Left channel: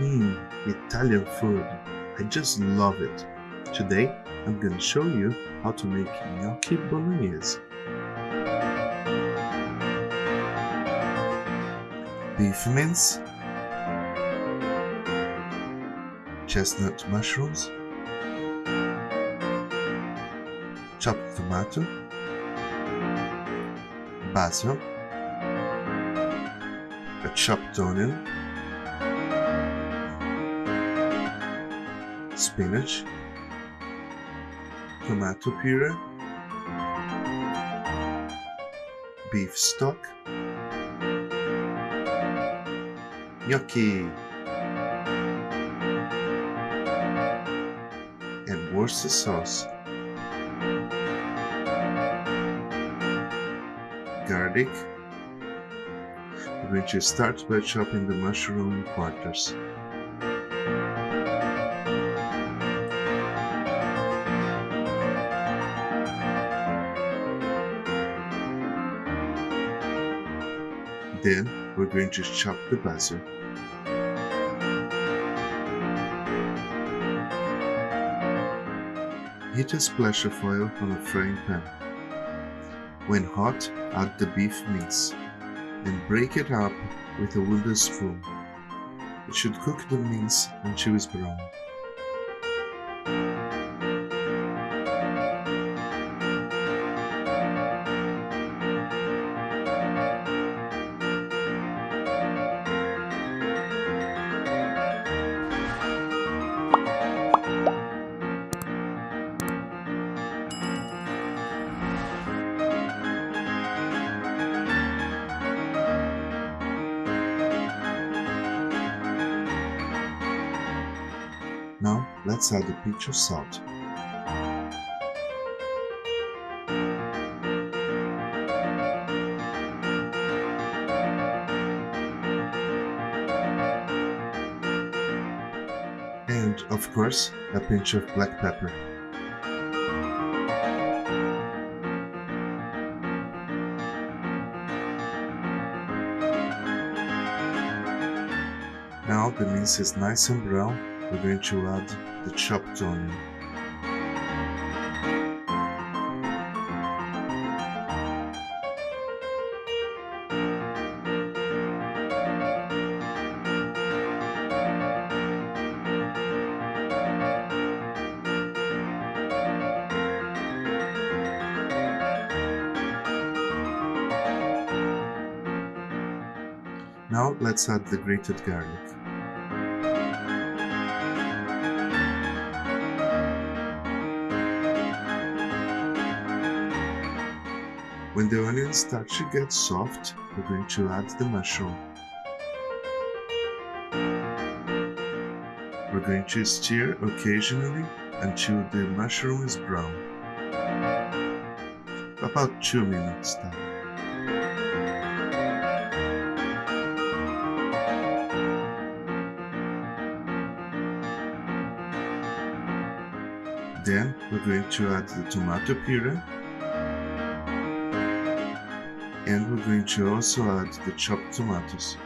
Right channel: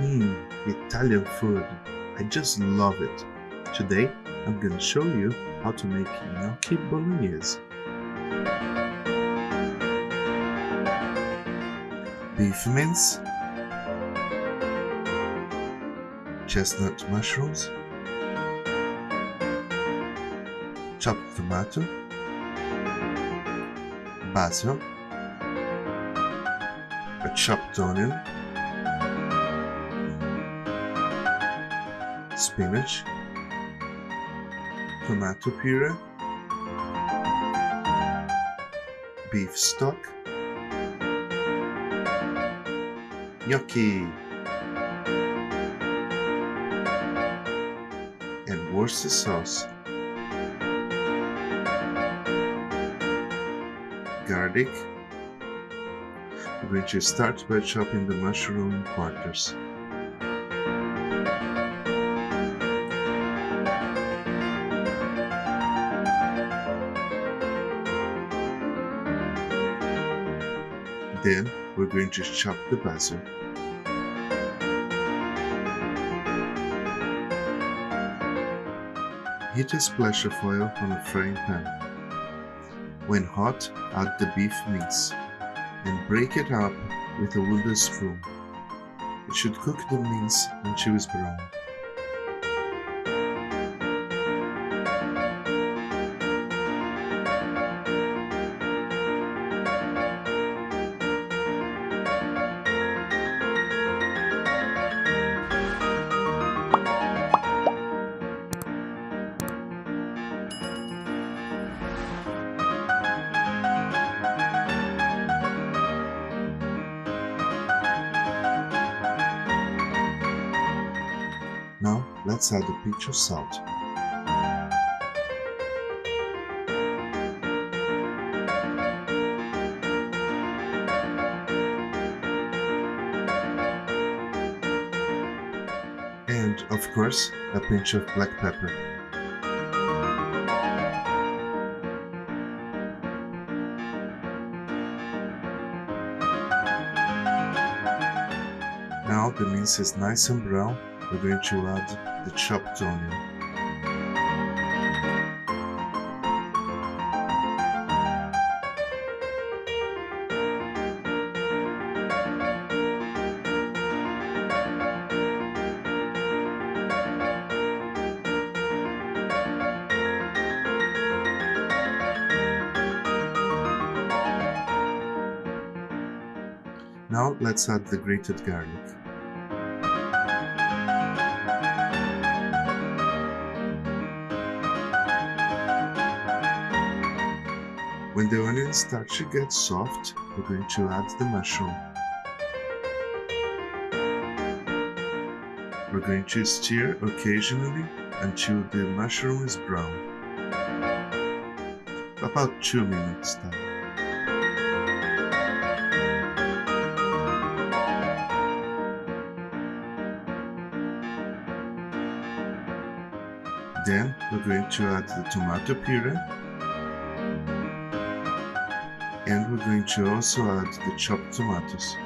Italian food. I just love it. Today, I'm gonna show you how to make gnocchi bolognese. Beef mince, chestnut mushrooms, chopped tomato, basil, a chopped onion, spinach, tomato puree, beef stock, gnocchi, and Worcester sauce, garlic. We're going to start by chopping the mushroom in quarters. Then we're going to chop the basil. Heat a splash of oil on a frying pan. When hot, add the beef mince and break it up with a wooden spoon. It should cook the mince until it's brown. Now let's add a pinch of salt. And, of course, a pinch of black pepper. Now the mince is nice and brown, we're going to add the chopped onion. Now let's add the grated garlic. When the onions start to get soft, we're going to add the mushroom. We're going to stir occasionally until the mushroom is brown. About 2 minutes time. Then we're going to add the tomato puree, and we're going to also add the chopped tomatoes.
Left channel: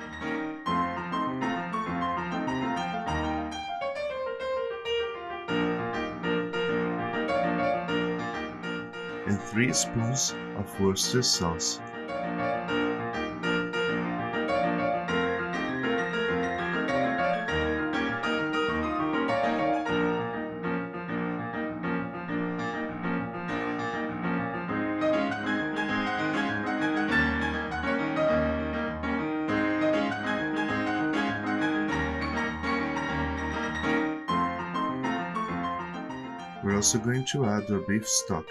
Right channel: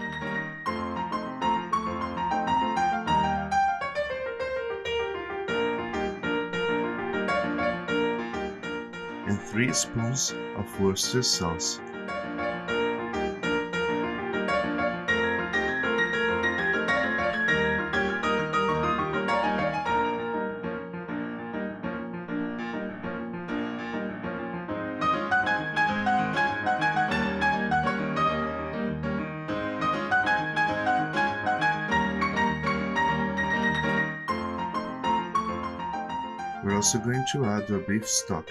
And 3 spoons of Worcester sauce. We're also going to add our beef stock.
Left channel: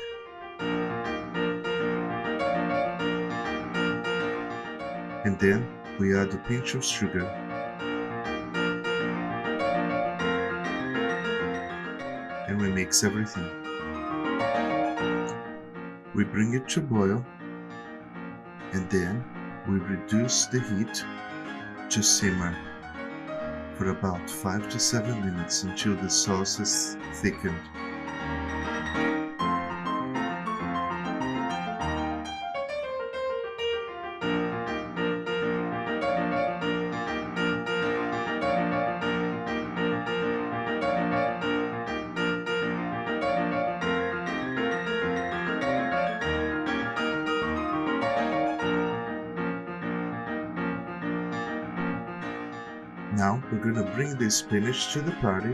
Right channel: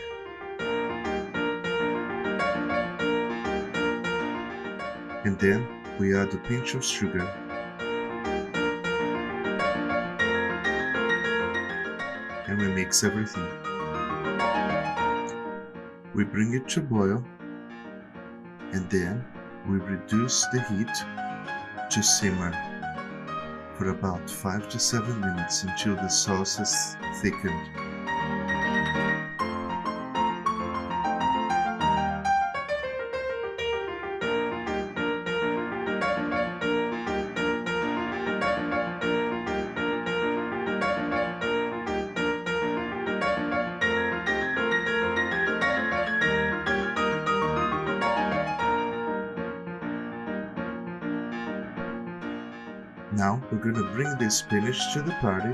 And then we add a pinch of sugar. And we mix everything. We bring it to boil, and then we reduce the heat to simmer for about 5 to 7 minutes until the sauce is thickened. Now we're going to bring the spinach to the party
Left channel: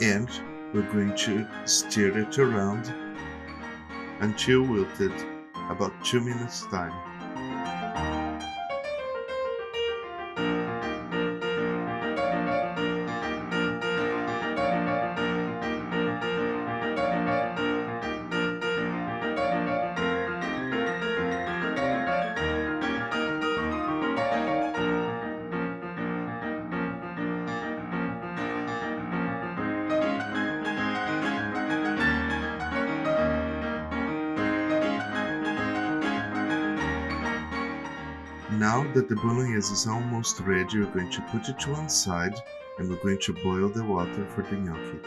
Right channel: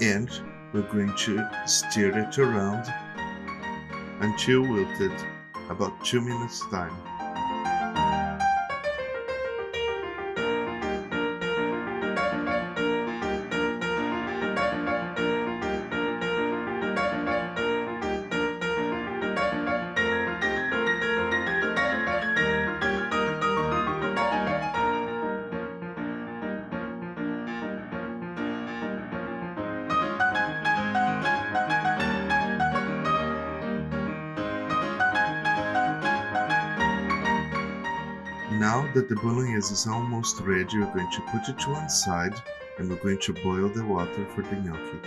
and we're going to stir it around until wilted, about 2 minutes time. Now that the bolognese is almost ready, we're going to put it to one side and we're going to boil the water for the gnocchi.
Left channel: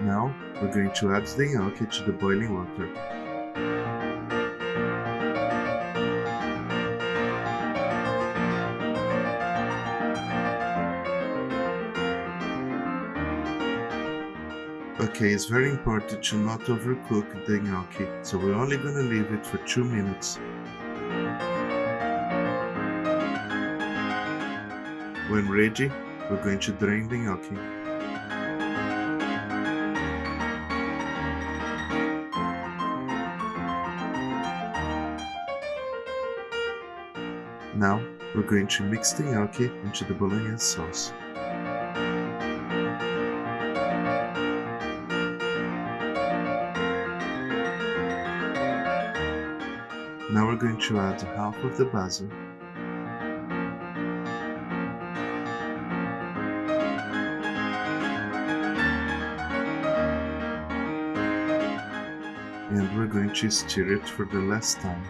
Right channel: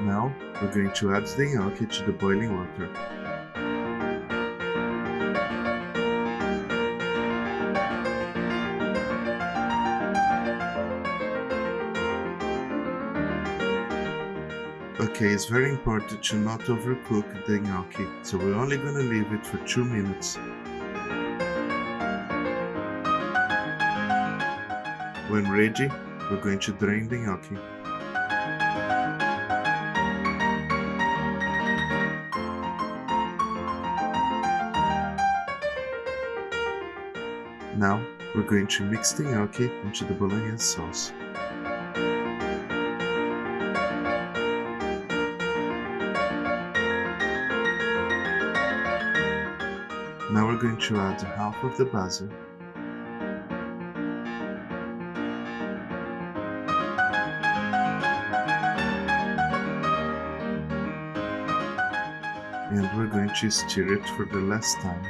Now we're going to add the gnocchi to the boiling water. Okay, it's very important to not overcook the gnocchi, so we're only gonna leave it for 2 minutes. When ready, we're going to drain the gnocchi. Now we're going to mix the gnocchi into the bolognese sauce. Now we're going to add half of the basil and we're going to stir it for the last time.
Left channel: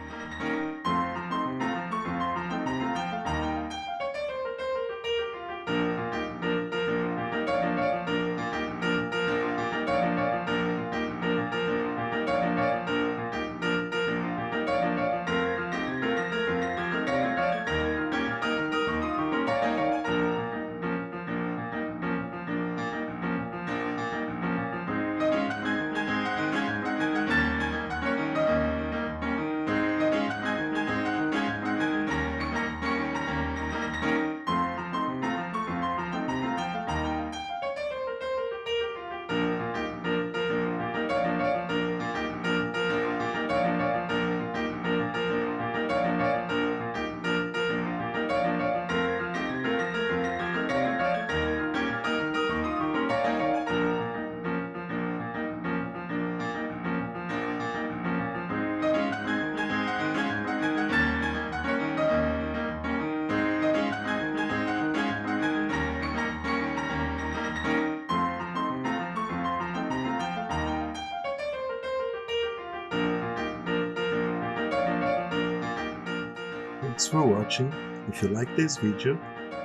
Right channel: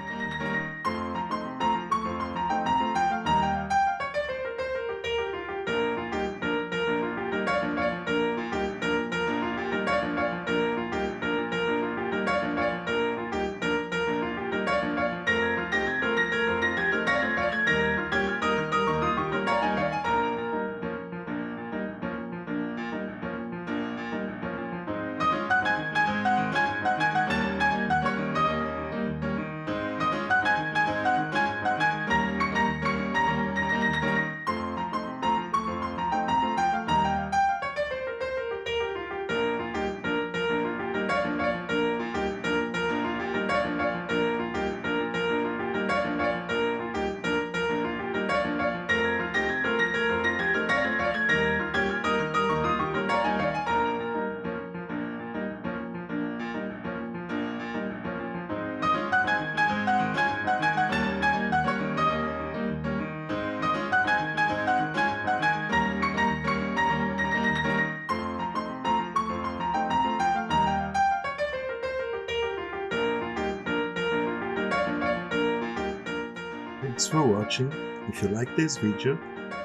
Thanks for watching. If you like this video,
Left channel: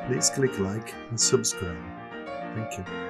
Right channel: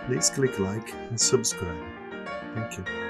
please click like and subscribe. Thank you.